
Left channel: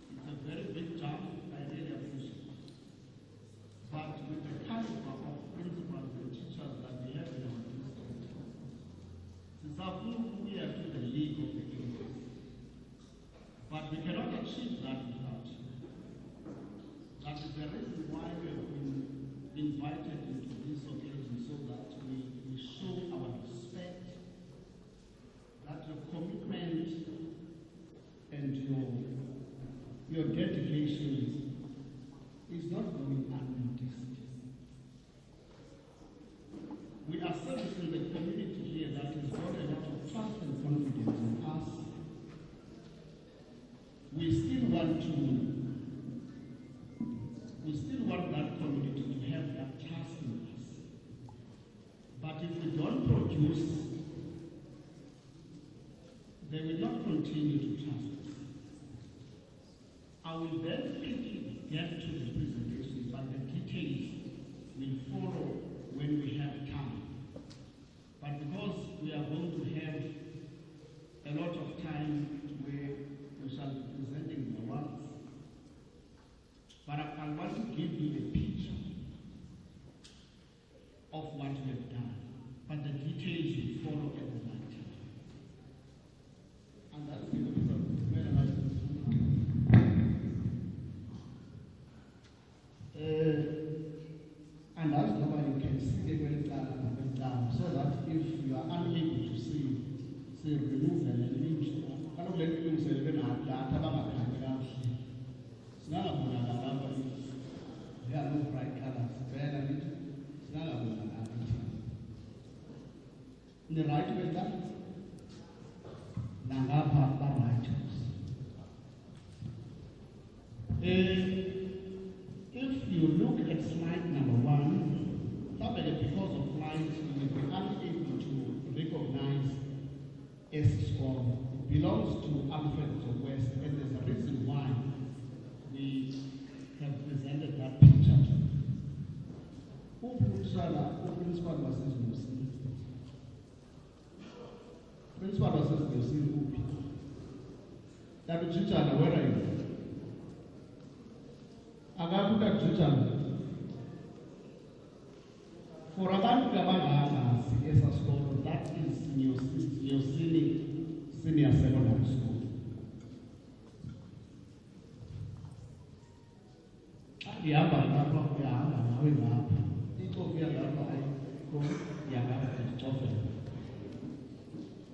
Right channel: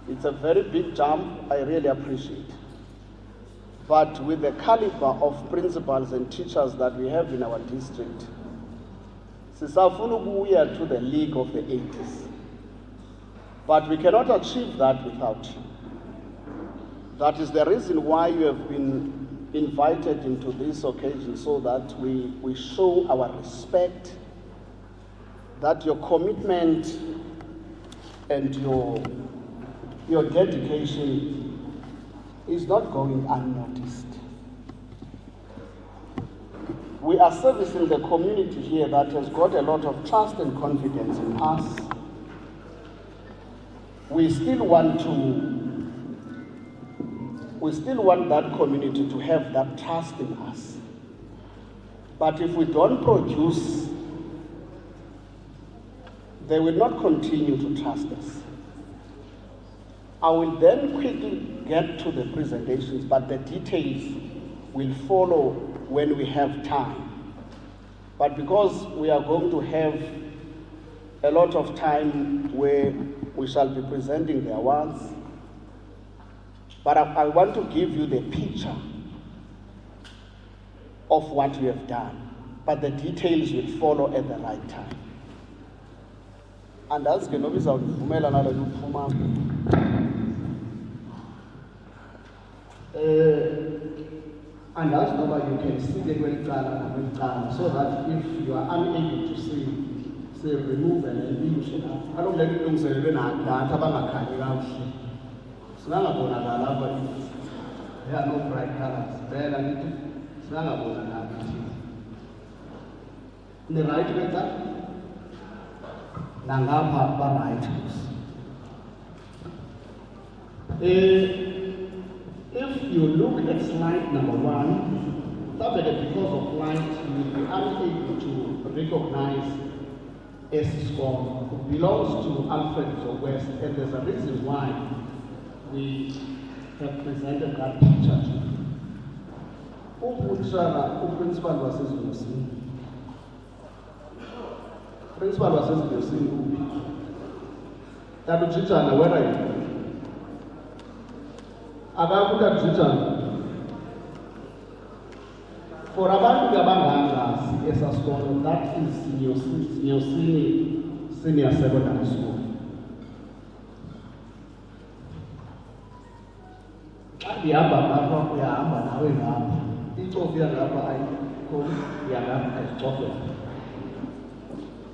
It's a very big jump, I really appreciate. But with the caliber of principals and teachers that we have in our district, we are to the league of the 80s. But we cannot achieve that without you. That is the reason why you have been invited into this occasion, so that we show our respect, that your commitment and your dedication is not going unnoticed. We are servicing the community here that has got a lot of trust and confidence in us. We still want that community to have that trust in us. But if we don't produce, they will not continue to trust us. I will then quickly get to the presentations, but the details will follow when we have time. But because we are going to have a lot of time where we shall be presenting the awards, but I want to give you the picture of what we have done. But the details will follow at the right time. And that's going to be and that's why you can see the way so that if you are unable to see, say remove and eliminate. I don't let you say when I got there are no bright colors. In the right way that Nangapa right. If you look at slide number 1, that because of light you will be unable to recognize Esiscom. It belongs to Alfred Nzo West, and there's a reason why we have presented that picture to you. Principal was Principal was Tabuchitana, where are you? Agakuda Jitana. For abantu abangazi esasikolo, that is your senior secondary school. Ndihamba ngapha uyahamba nawe ngapha. Icofu yangapha ayikho yangapha ayicofela.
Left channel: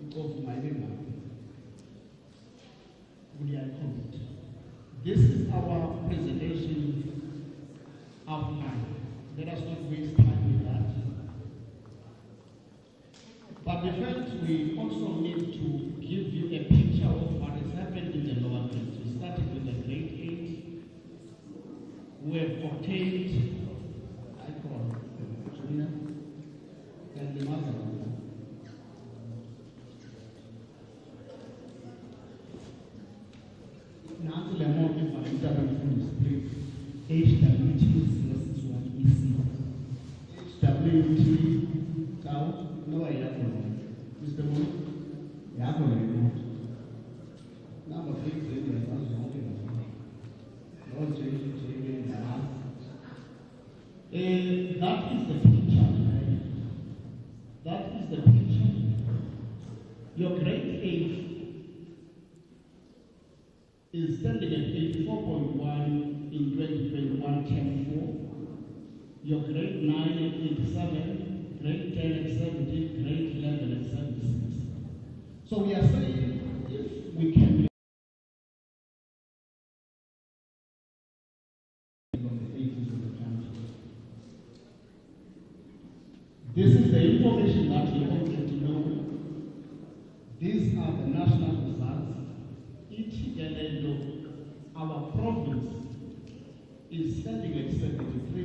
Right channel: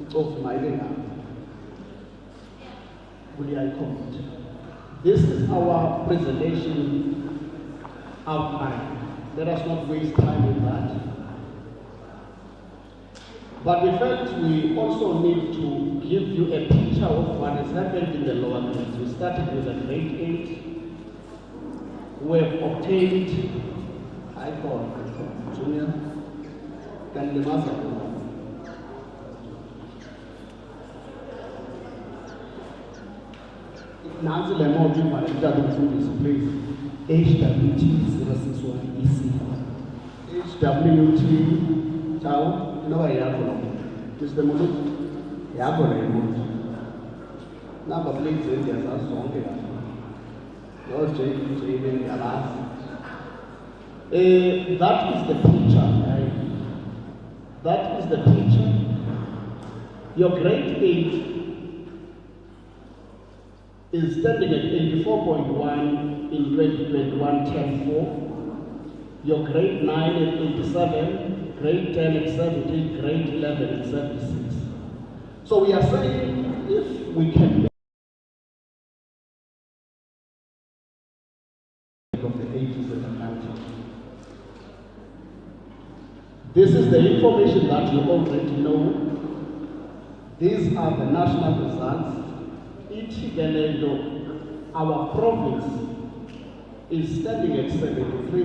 Icofu mayile ngapha. Buliyayikhomotha. This is our presentation outline. Let us not waste time with that. But we felt we also need to give you a picture of what has happened in the lower grades. We started with a grade 8. We have obtained, junior, Nancy Lemon, please. HWT 061EC. HWT, Chow, no, I have Mr. Mulu, Yago, number please, there's a song here. No, that is the picture. That is the picture. Your grade 8 is standing at 84.1 in 2021 Term 4. Your grade 9 at 87, grade 10 at 70, grade 11 at 76. So we are saying if we can of the 80s in the country. This is the information that you already know. These are the national results. Our province is standing at 73.